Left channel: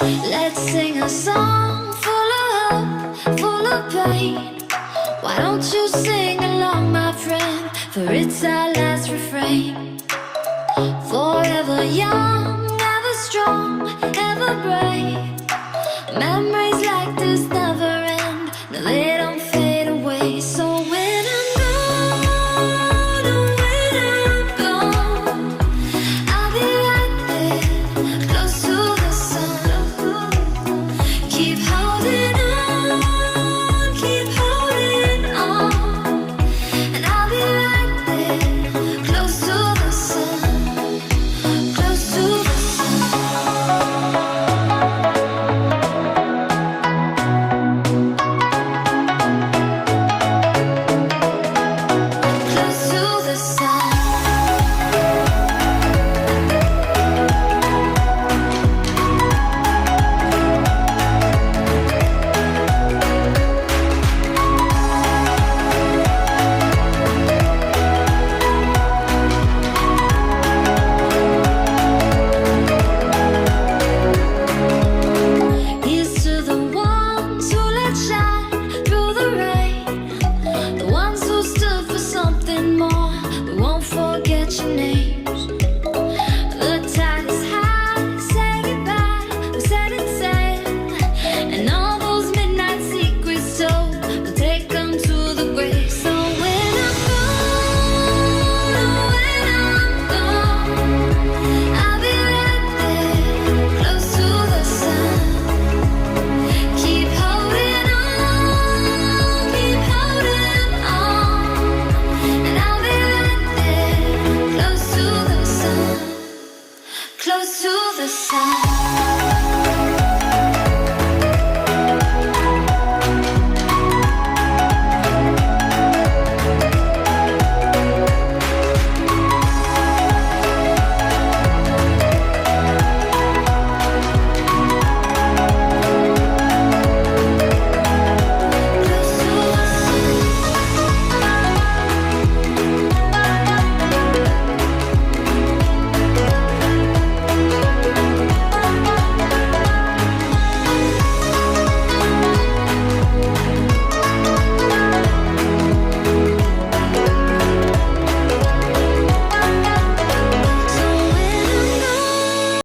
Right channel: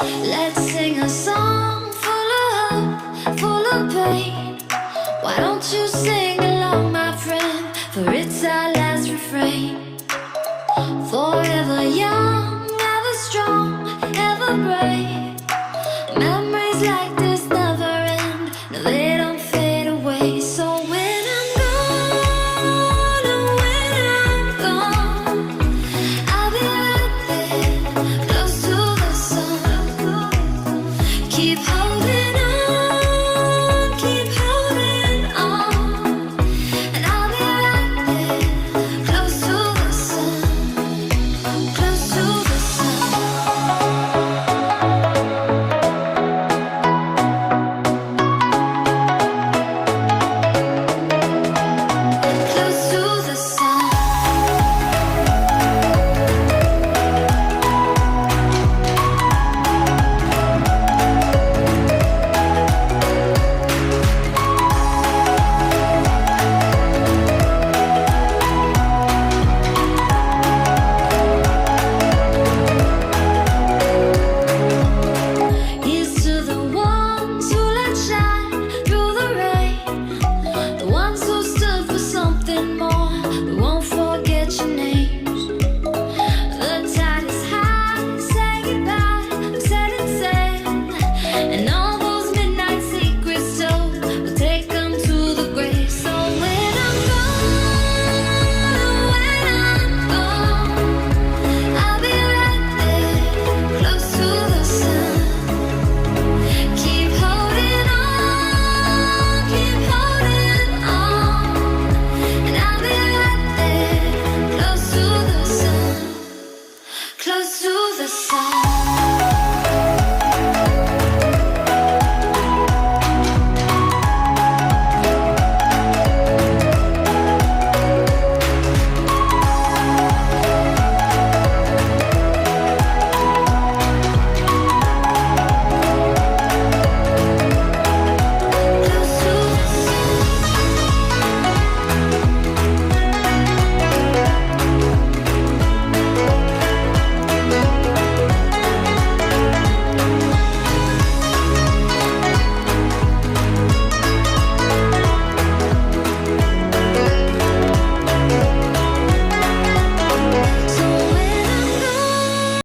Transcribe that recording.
Let's sing a song full of hope, full of pain. Why don't you sing along, my friend? For it's our last refrain. Forever young, ever strong, ever brave.